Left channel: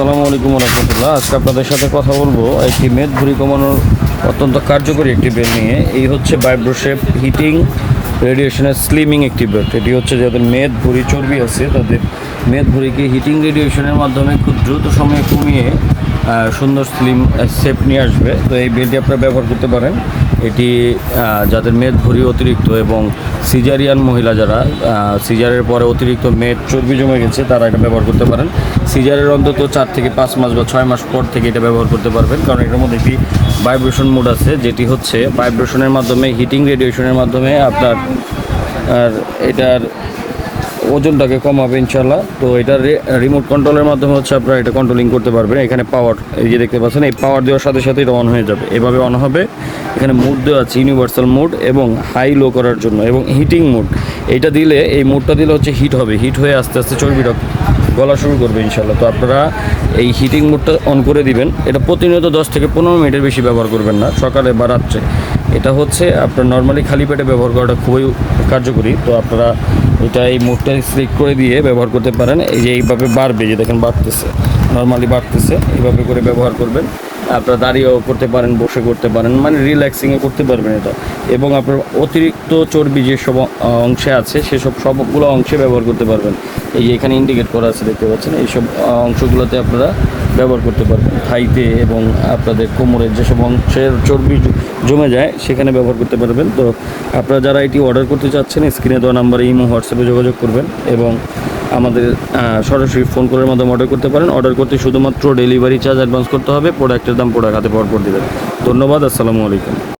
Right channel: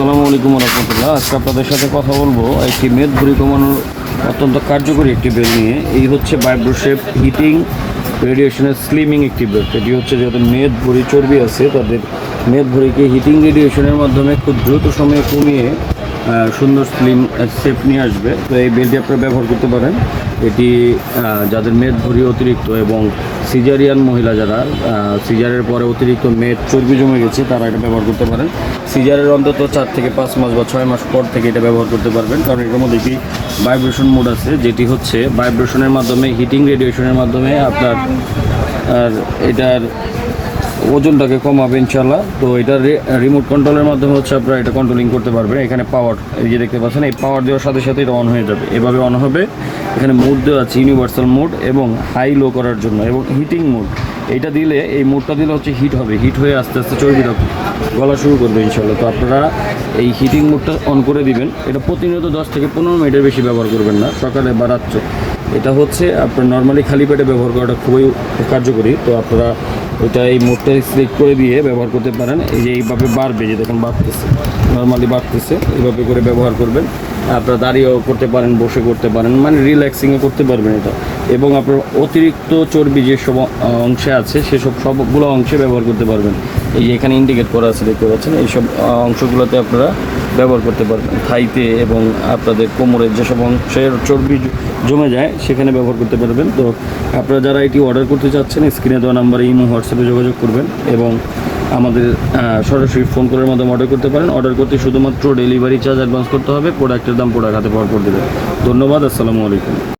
আসসালামু আলাইকুম রহমতুল্লাহ। আজকে আপনাদের সাথে কথা বলব একটি মেদ ভুঁড়ি কমানোর অত্যন্ত কার্যকরী একটি বেড নিয়ে। এই হচ্ছে বাইব্রোশেপ হিটিং, রেডিয়েশনের স্লিমিং একটি বেড এটি হচ্ছে যাদের মেদ ভুঁড়ি চর্বি আছে, তাদের মেদ ভুঁড়িকে হিটিং রেডিয়েশনের মাধ্যমে খুব দ্রুত সময়ে কমিয়ে সুন্দর স্লিম শেপ নিয়ে আসবে। তো এই বেডটি আপনারা ব্যবহার করতে পারেন। এটি যাদের মেদ ভুঁড়ি অতিরিক্ত এবং সিজারিয়ান মহিলা যারা সিজারের পরে অতিরিক্ত মেদ, চর্বি জমে গেছে, তারা এটা ব্যবহার করতে পারেন। সিজারের অন্তত চার থেকে পাঁচ মাস বা ছয় মাস পর থেকে এটা ব্যবহার করতে পারবেন। কারণ এটার মধ্যে একটি ভাইব্রেশন মোড আছে, যেটি হচ্ছে ভাইব্রেশনের মাধ্যমে হিটিং রেডিয়েশনের মাধ্যমে আপনার এটার ওজনটাকে কমাবে ইনশাল্লাহ তো এটা রিমোট কন্ট্রোলের মাধ্যমে হচ্ছে আপনারা এটা কন্ট্রোলিং করতে পারবেন। এখানে পাওয়ার এই যে দেখতে পাচ্ছেন, এই পাওয়ার দেওয়ার সাথে সাথে এটা অন হয়ে যাবে। এভাবে অন হবে। এখানে মোড দেওয়া আছে ইউনিভার্সাল মোড এবং হাই লো করার জন্য এবং হিটিং মোড এইটা দিলে, এই মোডটা দিলে হচ্ছে হিট হবে। হিট হয়ে আস্তে আস্তে চর্বিটা গলা শুরু করবে ইনশাল্লাহ তো আপনারা এই হিটিং মোডটা অন করে দিবেন। এটা প্রতিনিয়ত দশ থেকে পনেরো মিনিটের বেশি ব্যবহার করবেন না, সকালে বা রাত্রে। এটা হচ্ছে আপনার নর্মালি খালি পেটে ব্যবহার করাটা খুবই কার্যকরী। তো আপনারা এটা এই মুখটা সিলেক্ট করে দিয়ে ব্যবহার করতে পারেন। এই যে এইভাবে বাড়বে, যে দেখেন বাড়তেছে নর্মালি বাড়তেছে এইভাবে করে ব্যবহার করবেন। আপনারা দাঁড়িয়েও করতে পারেন, বসে করতে পারেন মানে রিল্যাক্সিংয়ে করতে পারবেন এটা। এবং আপনার অতিরিক্ত চর্বি যেসব অংশে আছে, সেসব সবগুলো অংশে ব্যবহার করতে পারবেন। এই যে এখানে ইন্ডিকেট করা আছে, দেখতে পাচ্ছেন, এইসব অংশগুলোতে আপনারা ব্যবহার করতে পারবেন। খাইতে এবং আপনাদের কোমরের যেসব অংশের চর্বি জমে যায়, সেখানে ব্যবহার করতে পারবেন। তো আপনারা যারা এটি অর্ডার করতে চাচ্ছেন স্ক্রিনে দেওয়া নাম্বারে ইমো হোয়াটসঅ্যাপে যোগাযোগ করবেন এবং আমাদের সরাসরি ফোন কলের মাধ্যমে অর্ডার করতে পারেন। অর্ডার করতে শুধুমাত্র ডেলিভারি চার্জ অ্যাডভান্স করতে হবে। প্রোডাক্টের দাম প্রোডাক্ট হাতে পাওয়ার করে দেবেন ধন্যবাদ, আসসালামু আলাইকুম।